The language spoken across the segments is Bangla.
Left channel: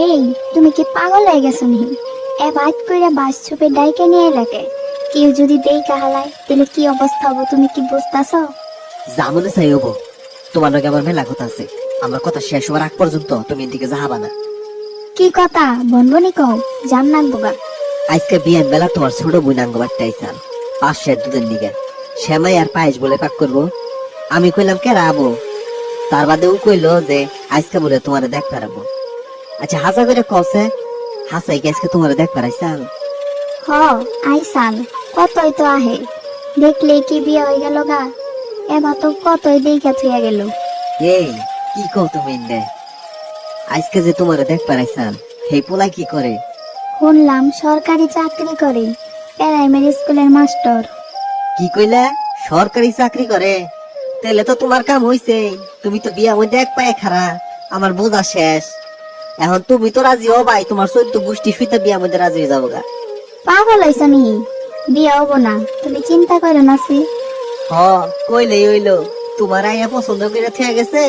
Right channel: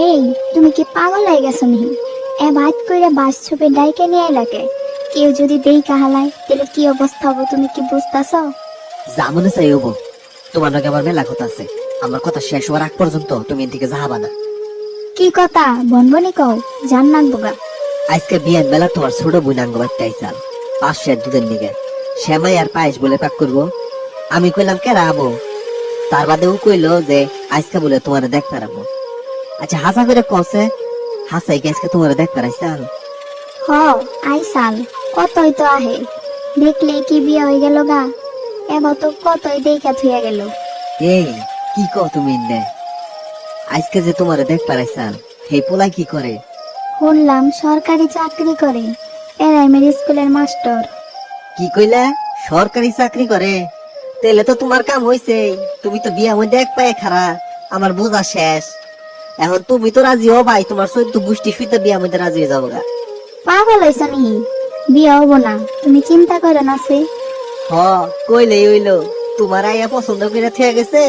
এই তুমি কি পাগল হয়ে গেছো নি এ বাইত করে বাস ছুপে ডাইকে নিয়ে এলাকে কেউ যদি দেই কাহালায় তাহলে কি অবস্থা হব তুমি কি বুঝতেছ? জামনে চাই হব। তোমার লগে আমার মেলা কথা আছে। আমার কথা শেষ হওয়ার আগ পর্যন্ত তুমি এদিকে যাহাবা না। কি কথা? বনবনি কও জান না বোগা আজকে বিয়ের বেলা তোমার ছোট বোন আঙ্গ বাড়তে আইসাল পাঁচশের দুধের নিগে। শ্যামাই আর পায়েস বলে পাক করব। আমি কইলাম কে রাবো তার বাদে ও কইলো যে আজকে বলে তোমার দেখ পারাবো। আচ্ছা হাসা করে কসে। হাসাই আজকে তোমার দেখ পারাইসাল হ আই সাল কতই তো আহে। দেখলে কি বিয়া হয়ে গেল গা? এবার তো কতই দেখা থুয়া গেল। এই কি কও তুমি ইন্দে? আজকে যে তোমার দেখ পারাইসাল হে পোলা কি করে? শুনলাম সরকারি চাকরি করে। এরাইমের স্কুলের মাস্টার। কি কইলে? সরকারি চাকরি করে? তাহলে তো তোমার কাম হইছে। তুমি তো বিয়া মধ্যে এক পায়ে খারা আমার বোঝা শেষ। এখন তুমি তো রাজি হও ভাই তোমার চোদ্দ গোষ্ঠী সুইতা বিয়া মধ্যে রাজি হয়ে যাব গা। পাগল হয়েছ নি? বিয়ে হব না তুমি চিন্তা করো না সে। হ কইলে হইল তোমার আইয়া পছন্দ করে থেকে গেছে।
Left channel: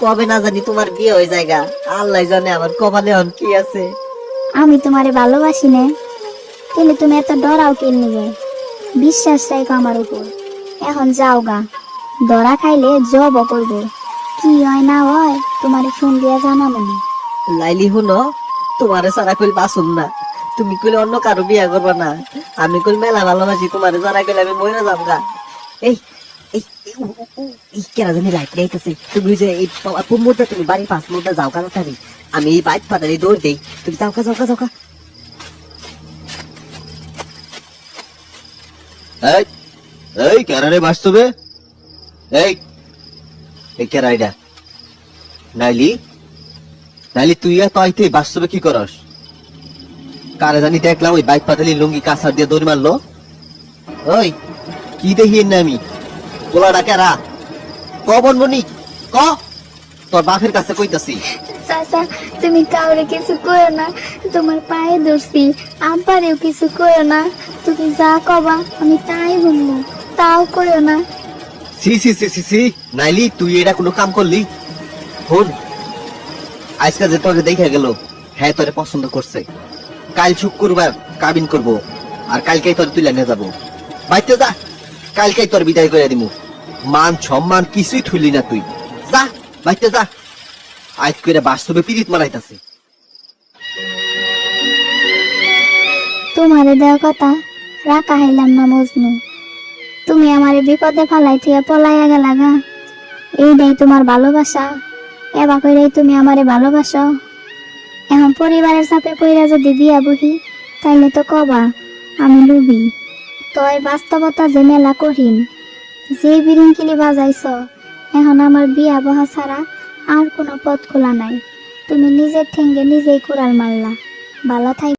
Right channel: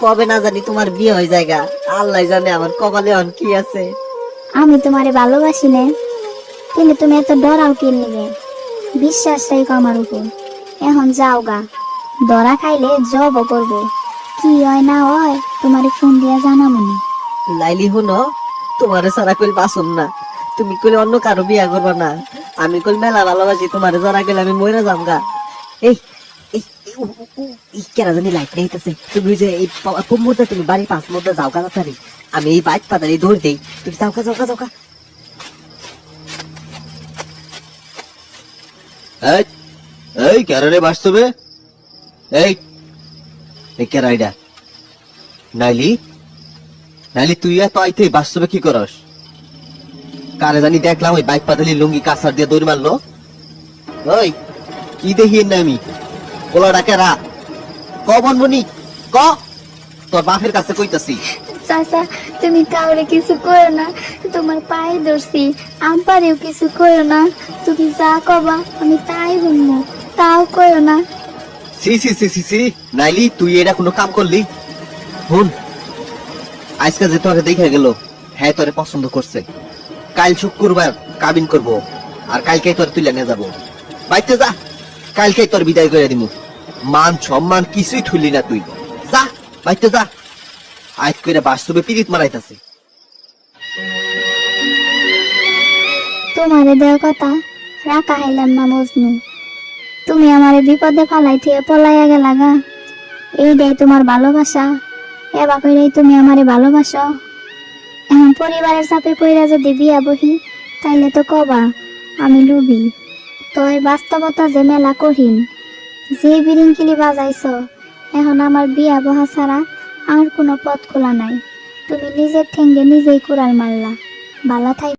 কবে না জানি তোমার বিয়ে হয়ে যায় গা। আল্লাহ জানে আমার কপালে এখন কি আছে। আমি তোমারে ভালোবাসি না কিন্তু তুমি এত ডরাও কে নিবে? বিশ্বাস রাখো আমার উপর। এখন যাও গা ডরা খাইলে জব করব। কি হয় না হয় তোমারে ফোন দিয়া জানাব নি। লাইলি হুনো, তোমার সারা কইল বাসন না। তুমি কইলে অন্য কারও বিয়া করবা না। আমি কইল মেলা ভালোবাসি, তোমার যারা গেলে আমি মরে যাম গা। এই কেরা জানি লাইট লাইতেছে তুমি যে এই তুমি বাড়ি পাঁচ যাও আমি এই বাইক পাতারি দৌড় দিই। তুমি যাও গা যাও গা যাও গা। এই এই কারণে বাস্তবে? এই এই কেরা এটা? নাইলি? নাইলি তুই আর পাইতে বাস্তবে কি করস? কারে জানি দেখলাম ওই বাইক পাতালি লুঙ্গি কাঁসার দিয়ে দৌড় মারলো। ওই কি দেখি না আমি গোলাটা কেরা ক বনবনি ক? তোর বাপের কাছে কইতাছি। চাচা তুমি কাউরে কিছু কইও না তোমার পায়ে ধরছি। আম্পারেও কিছু কইও না তুমি যা কবা আমি তাই বুঝব তাও কইও না। সি সি সি সি সি নাইলি তুই এটা কোনো কাম করলি? শুন আজকে যে তোরে দেখা গেল হ্যাঁ তোরে পছন্দ করছে। কাল শুক্রবার কাবিন করব, আর কালকে তোর তুলে নিয়ে যাব। বাইতে যা কালকে তোর বিদায় করে দিমু। মান সম্মান কিছুই থুলি না তুই। যা, বাইতে যা। আজ করে বাস্তবে পিরিত মারাইতাছে। তোমারে দেওয়া কথা, রাখা হাইলাম না মজনু। তুমি আমারে বিপদে ফালাই থেকে পলাইয়া গেলা গা। এইটাই তোমার ভালোবাসা। এবার কইরে তুমি আমারে ভালোবাসো। এখন পরিবারের চাপে পইরা যদি বিয়া বহি, তাইলে তো কবা, আমি লুবি তই বাস্তবতা যে মেলা কঠিন যে বিরিঙ্কিনি বাজাইছ, এখন আমার বিয়া বহা ছাড়া আর কোনো পথ খোলা নাই। তুমি নিজের ঠেঙ্গে নিজেই কুড়াল মারলা। ভালো থাই